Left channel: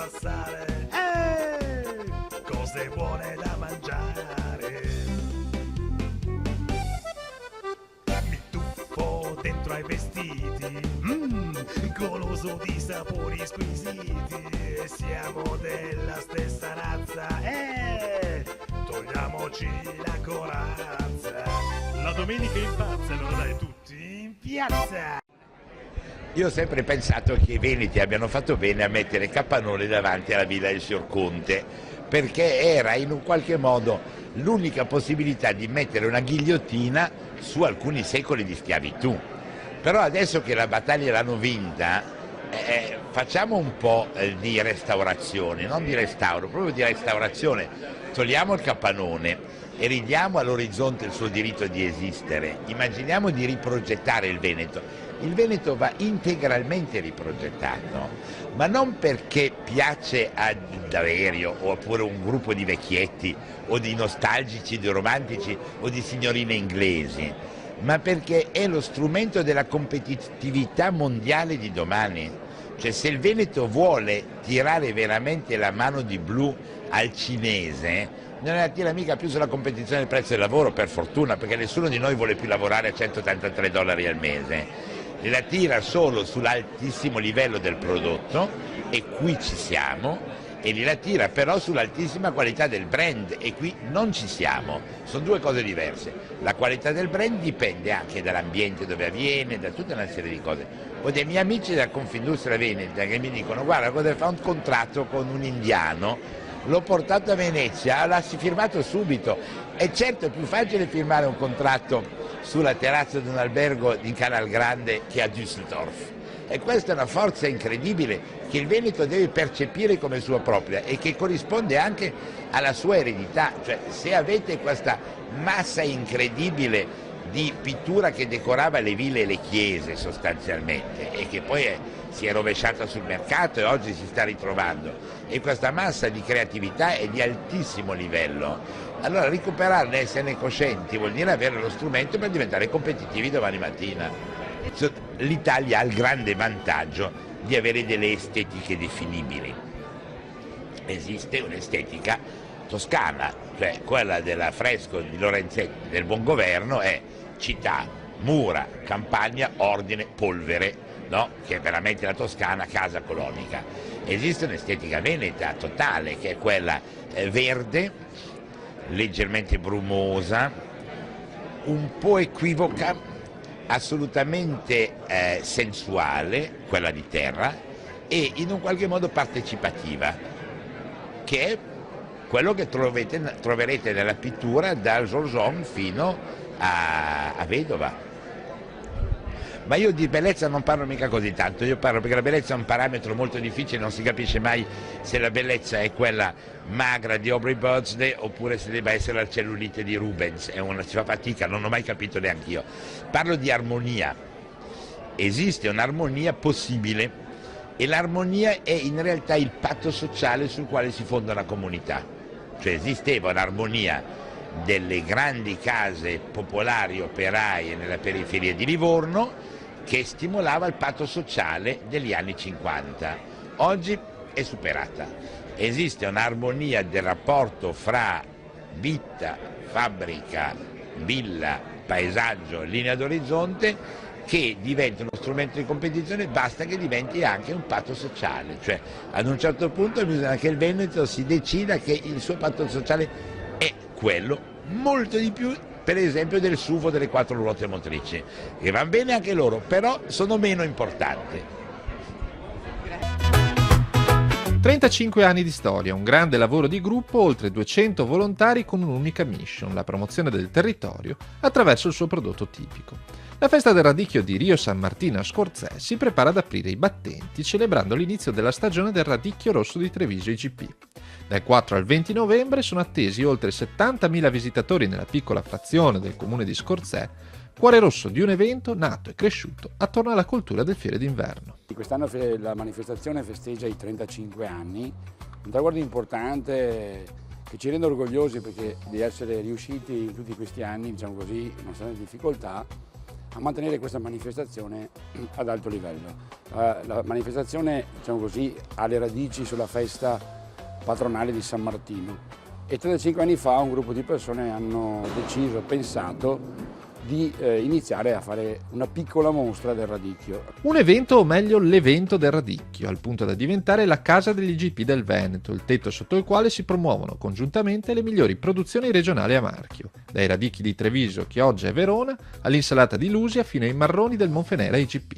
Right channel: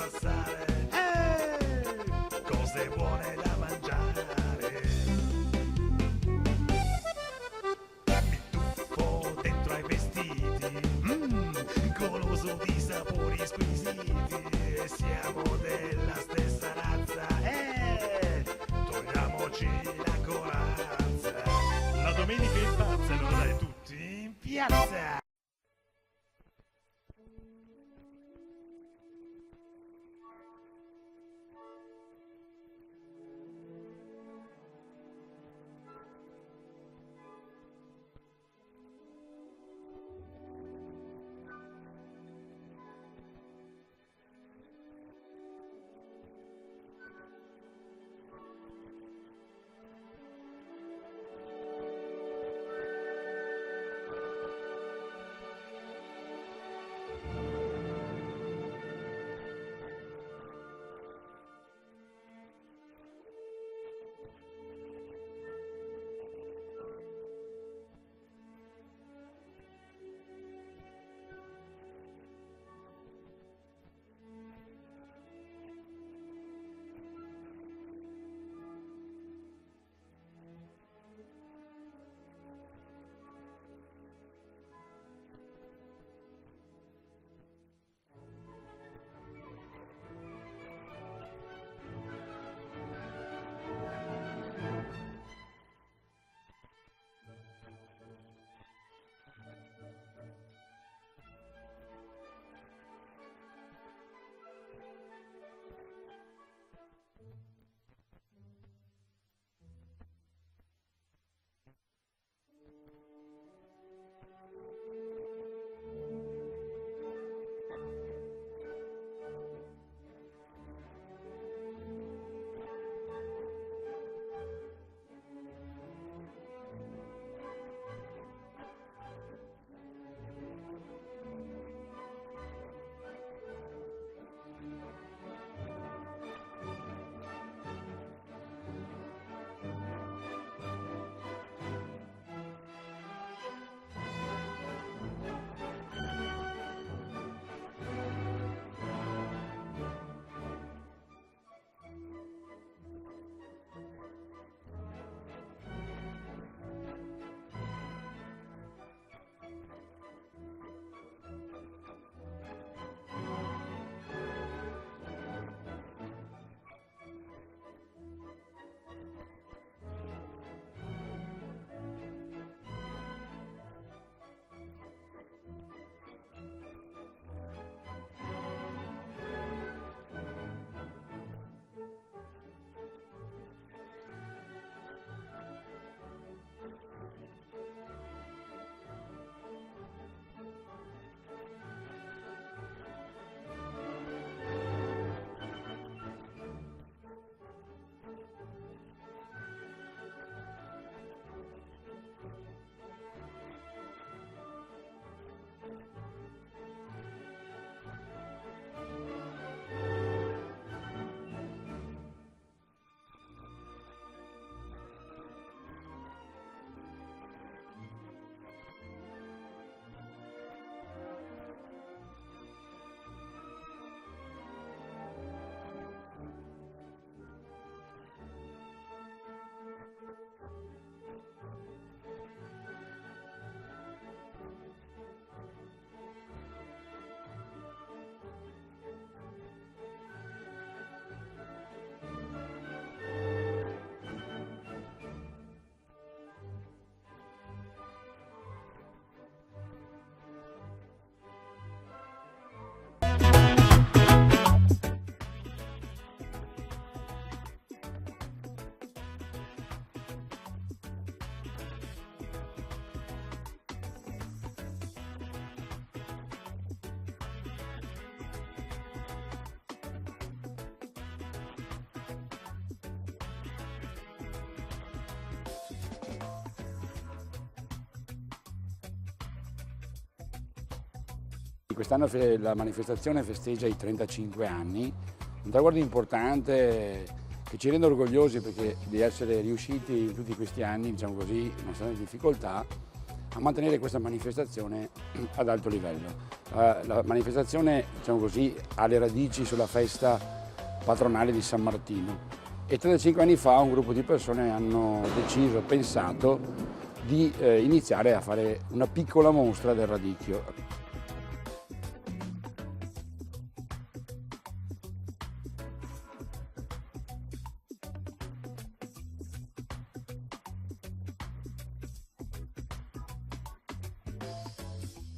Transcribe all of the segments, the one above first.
passare, cose buone da mangiare. Mi tuffo dentro ai vestiti, goloso di sapori squisiti. Siamo della stessa razza, togliamoci la corazza. La domenica in pazza, allora dai tutti in piazza. Io ho sempre pensato che i veneti abbiano fatto bene a mettere Capannone davanti alla villa del signor Conte, perché era in un qualche modo l'unica possibilità di mettere una ghigliottina su alcuni secoli di schiavitù. Però adesso che la battaglia l'hanno vinta, facciamo un po' di restaurazione, non di restauro, proprio di restaurazione. Togliamo il capannone e ridiamo all'orizzonte il suo diritto di esistere. Immaginiamo di riprogettare il Veneto. Il Veneto va integralmente riprogettato, ma non perché piace ad Averio oppure un gruppo di vecchietti o di nostalgici, di romantici o di signorine inglesi, ma perché è lo strumento della competitività mondiale di domani. Cioè, se il Veneto vuole tirare veramente la mano di blu al cinese, non la tira mica più sulla competizione del prezzo del lavoro, per fortuna, perché nessuno di noi vuole più lavorare a $183 al mese. La tira solo sull'altissimo livello del prodotto, e qui ci siamo, e la tira però sull'altissima qualità del brand, e qui non ci siamo. Sono due cose diverse. La qualità del brand dipende anche dall'ambiente dove avviene, da tutta una serie di cose. Ho dei miei amici della Confindustria Veneta che mi dicono: guarda, cosa fa un contratto con un indiano, l'ho portato a Venezia, l'ha firmato subito. E certo è più facile firmare un contratto sulla terrazza di un albergo in Canal Grande che a Düsseldorf. E questa è una forza incredibile che il Veneto deve percepire come sua propria e che corrisponde anche alla sua eredità. Cioè, se avete questa massa incredibile di pittura che decorava le ville e le chiese sostanzialmente, e che poi si è rovesciata sul mercato e oggi si sta ritrovando, e questa massa di creatività è di altissimo livello, allora recuperarne, esserne coscienti, vuol dire avere lo strumento per diventare competitivi domani mattina. L'Italia ha il grande vantaggio di avere delle estetiche definibili. Esiste un'estetica toscana, cioè quella dell'affresco di Lorenzetti del Buongoverno è città, mura, campagna, ordine, polvere, no? Che è veramente la Toscana, casa colonica. Esiste un'estetica veneta totale, che è quella verde, leggermente brumosa, un po' equivoca, assolutamente sensuale, quella di terra, e in un qualche modo partecipativa, che è quello che troverete nella pittura dal Giorgione fino a Vedova. Ma io di bellezza non parlo mica così tanto, io parlo perché la bellezza è un parametro molto difficile, non si capisce mai se la bellezza è quella magra di Aubrey Burnside oppure se debba essere la cellulite di Rubens, si fa fatica, non ho mai capito neanche io. Parlo di armonia, esiste un'armonia possibile e l'armonia è in realtà il patto sociale sul quale si fonda una comunità, cioè esisteva un'armonia delle grandi case popolari operaie nella periferia di Livorno che stimolava il patto sociale degli anni 50. Oggi è superata. Esiste un'armonia del rapporto fra vita, fabbrica, villa, paesaggio, linea d'orizzonte, che diventa uno strumento di competizione, basta che diventi anche un patto sociale. Cioè, ad un certo punto bisogna che il Veneto si decida che il suo patto sociale è quello, molto di più, per esempio, del SUV delle 4 ruote motrici, che vanno bene anche loro, però sono meno importanti. 35 anni di storia, un grande lavoro di gruppo, oltre 200 volontari con un'unica mission, la promozione del territorio attraverso il suo prodotto tipico. La festa del radicchio di Rio San Martino a Scorzè si prepara ad aprire i battenti celebrando l'inizio della stagione del radicchio rosso di Treviso IGP. Dal 4 al 20 novembre sono attesi oltre 70.000 visitatori nella piccola frazione del comune di Scorzè, cuore rosso di un evento nato e cresciuto attorno alla cultura del fiere d'inverno. Quest'anno la manifestazione festeggia i 35 anni, un traguardo importante che ci rende orgogliosi perché di essere riusciti in tutti questi anni, diciamo così, nonostante le difficoltà, a mantenere questa manifestazione ad alto livello. La manifestazione, diciamo così, ha le radici sulla festa patronale di San Martino e 35 anni fa un gruppo di persone hanno pensato di iniziare a fare una piccola mostra del radicchio. Un evento, o meglio l'evento del radicchio, al punto da diventare la casa degli IGP del Veneto, il tetto sotto il quale si promuovono congiuntamente le migliori produzioni regionali a marchio, dai radicchi di Treviso, Chioggia e Verona, all'insalata di Lusia fino ai marroni del Monfenera IGP.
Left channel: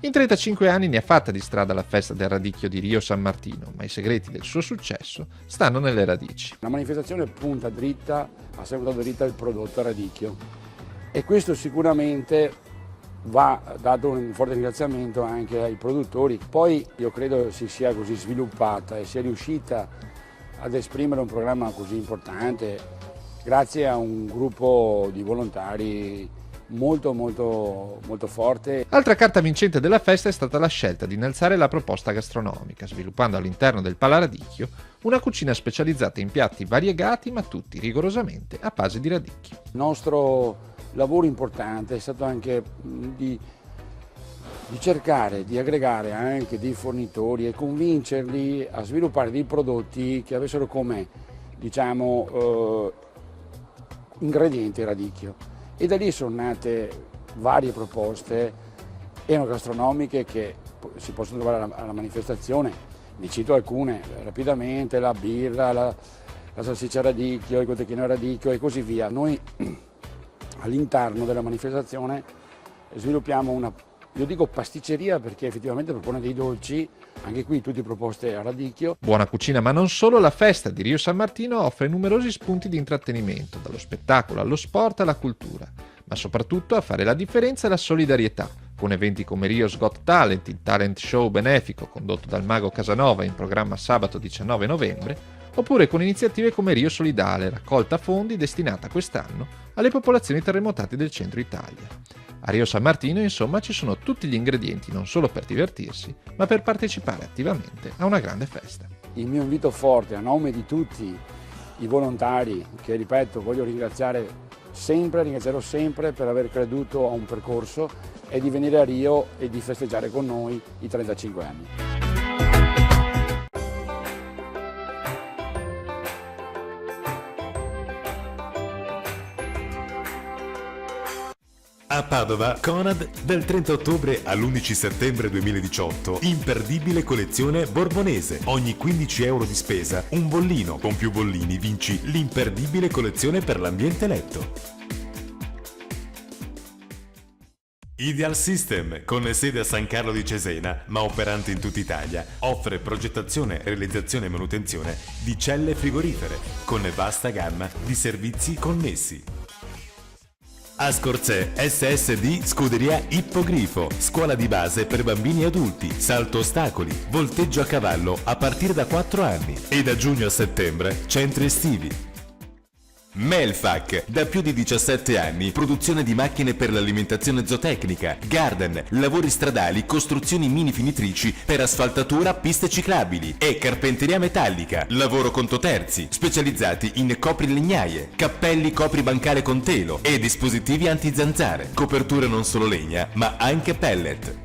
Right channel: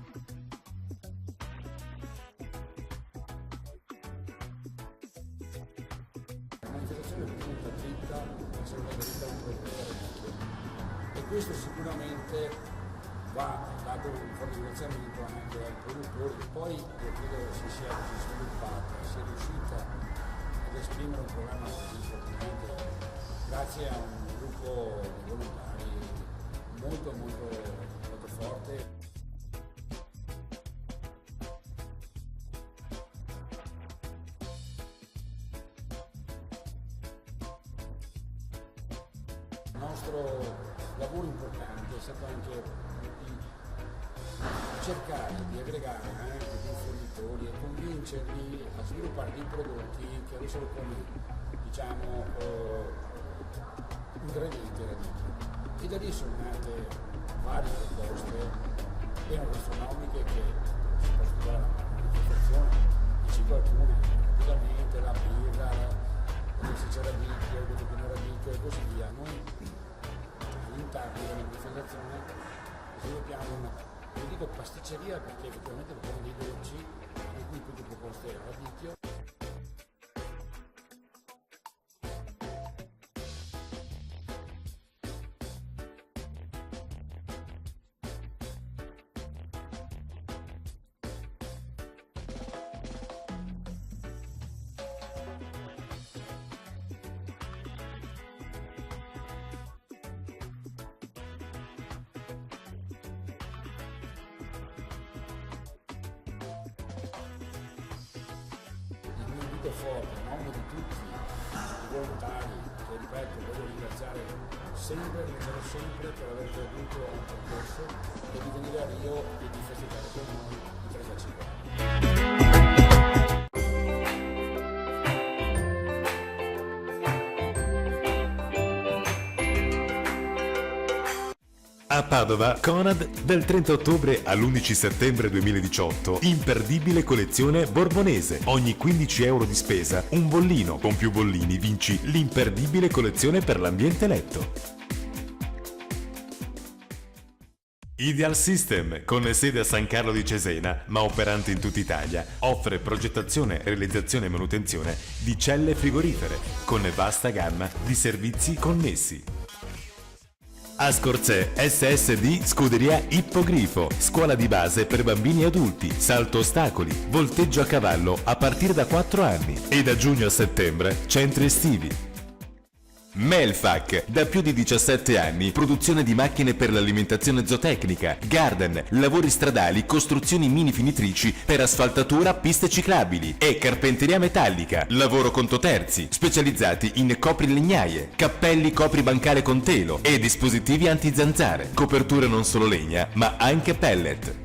In 35 anni ne ha fatta di strada la festa del radicchio di Rio San Martino, ma i segreti del suo successo stanno nelle radici. La manifestazione punta dritta, ha sempre dato dritta il prodotto radicchio. E questo sicuramente va dato un forte ringraziamento anche ai produttori. Poi io credo si sia così sviluppata e sia riuscita ad esprimere un programma così importante grazie a un gruppo di volontari molto forte. Altra carta vincente della festa è stata la scelta di innalzare la proposta gastronomica, sviluppando all'interno del Palaradicchio una cucina specializzata in piatti variegati ma tutti rigorosamente a base di radicchio. Il nostro lavoro importante è stato anche di cercare di aggregare anche dei fornitori e convincerli a sviluppare dei prodotti che avessero come, diciamo, ingrediente radicchio. E da lì sono nate varie proposte enogastronomiche che si possono trovare alla manifestazione. Vi cito alcune rapidamente: la birra, la salsiccia radicchio, il cotechino radicchio e così via. Noi all'interno della manifestazione sviluppiamo una, io dico pasticceria perché effettivamente propone dei dolci, anche qui tutte proposte a radicchio. Buona cucina ma non solo, la festa di Rio San Martino offre numerosi spunti di intrattenimento, dallo spettacolo allo sport alla cultura, ma soprattutto a fare la differenza è la solidarietà, con eventi come Rio's Got Talent, il talent show benefico condotto dal mago Casanova in programma sabato 19 novembre, oppure con iniziative come Rio Solidale, raccolta fondi destinata quest'anno alle popolazioni terremotate del centro Italia. A Rio San Martino, insomma, ci sono tutti gli ingredienti non solo per divertirsi, ma per partecipare attivamente a una grande festa. Il mio invito forte a nome di tutti i volontari, che ripeto voglio ringrazierò sempre per aver creduto a un percorso, è di venire a Rio e di festeggiare con noi i 35 anni. A Padova, Conad, dal 30 ottobre all'11 settembre 2018, imperdibile collezione Borbonese. Ogni 15 euro di spesa, un bollino. Con più bollini vinci l'imperdibile collezione per l'ambiente letto. Ideal System, con sede a San Carlo di Cesena, ma operante in tutta Italia, offre progettazione, realizzazione e manutenzione di celle frigorifere, con vasta gamma di servizi connessi. Ascorzè SSD Scuderia Ippogrifo, scuola di base per bambini e adulti, salto ostacoli, volteggio a cavallo a partire da 4 anni e da giugno a settembre centri estivi. Melfac, da più di 17 anni, produzione di macchine per l'alimentazione zootecnica, garden, lavori stradali, costruzioni mini finitrici per asfaltatura, piste ciclabili e carpenteria metallica, lavoro conto terzi, specializzati in coprilegnaie, cappelli copribancale con telo e dispositivi antizanzare, coperture non solo legna ma anche pellet.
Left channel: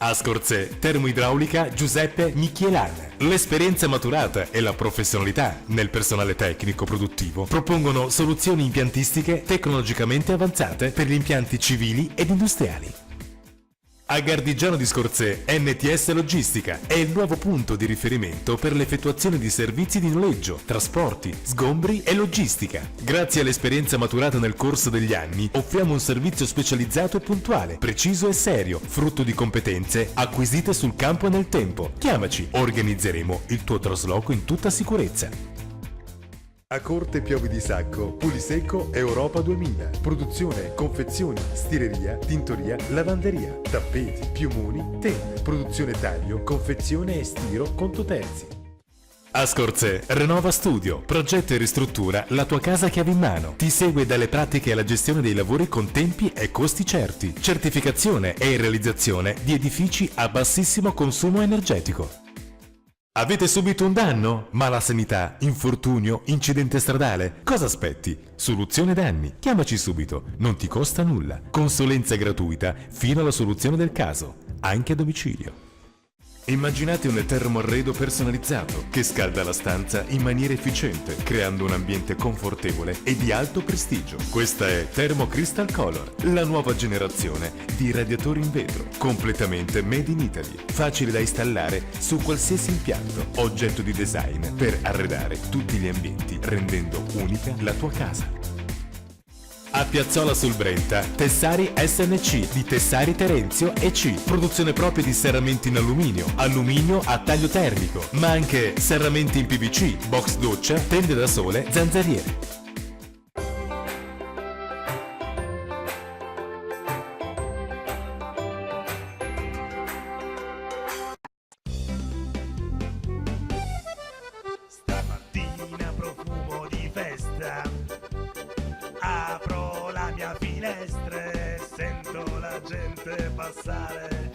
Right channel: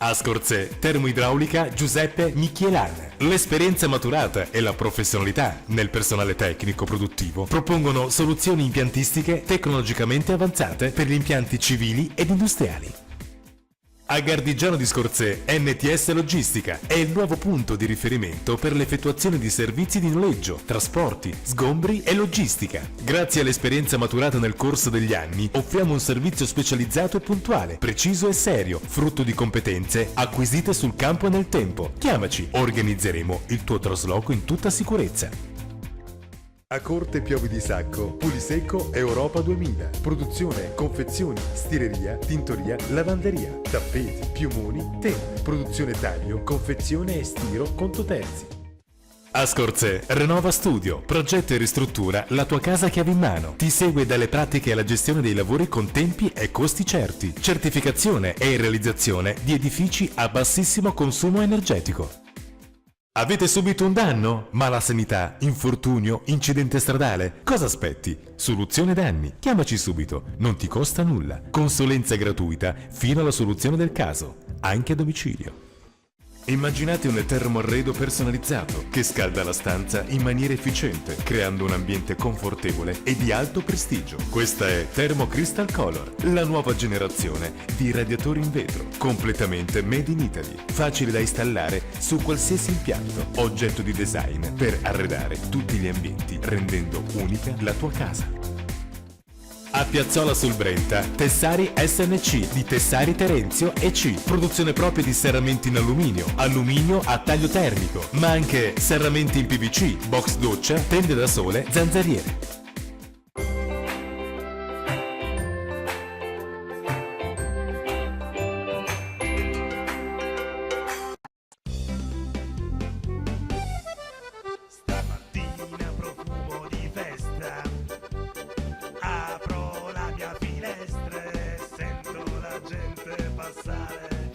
Ascorzè Termoidraulica Giuseppe Michielan. L'esperienza maturata e la professionalità nel personale tecnico produttivo propongono soluzioni impiantistiche tecnologicamente avanzate per gli impianti civili ed industriali. A Gardigiano di Scorzè, NTS Logistica è il nuovo punto di riferimento per l'effettuazione di servizi di noleggio, trasporti, sgombri e logistica. Grazie all'esperienza maturata nel corso degli anni, offriamo un servizio specializzato e puntuale, preciso e serio, frutto di competenze acquisite sul campo e nel tempo. Chiamaci, organizzeremo il tuo trasloco in tutta sicurezza. A Corte Piovi di Sacco, Pulisecco Europa 2000. Produzione, confezioni, stireria, tintoria, lavanderia, tappeti, piumoni, tende. Produzione taglio, confezione e stiro conto terzi. Ascorzè Renova Studio, progetta e ristruttura la tua casa chiave in mano. Ti segue dalle pratiche alla gestione dei lavori con tempi e costi certi. Certificazione e realizzazione di edifici a bassissimo consumo energetico. Avete subito un danno? Mala sanità, infortunio, incidente stradale? Cosa aspetti? Soluzione danni. Chiamaci subito, non ti costa nulla. Consulenza gratuita fino alla soluzione del caso, anche a domicilio. Immaginate un termoarredo personalizzato che scalda la stanza in maniera efficiente, creando un ambiente confortevole e di alto prestigio. Questa è Thermo Crystal Color, la nuova generazione di radiatori in vetro, completamente made in Italy, facile da installare su qualsiasi impianto, oggetto di design per arredare tutti gli ambienti, rendendo unica la tua casa. A Piazzola sul Brenta, Tessari SNC di Tessari Terenzio e C. Produzione propria di serramenti in alluminio, alluminio a taglio termico, ma anche serramenti in PVC, box doccia, tende da sole, zanzariere. Stamattina profumo di festa, apro la mia finestra e sento la gente passare.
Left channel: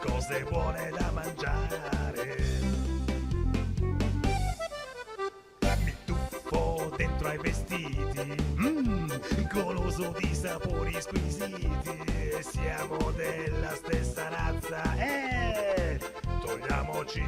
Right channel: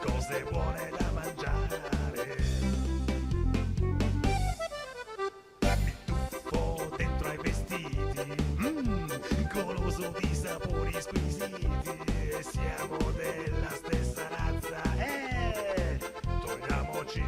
Cose buone da mangiare. Mi tuffo dentro ai vestiti, goloso di sapori squisiti. Siamo della stessa razza, togliamoci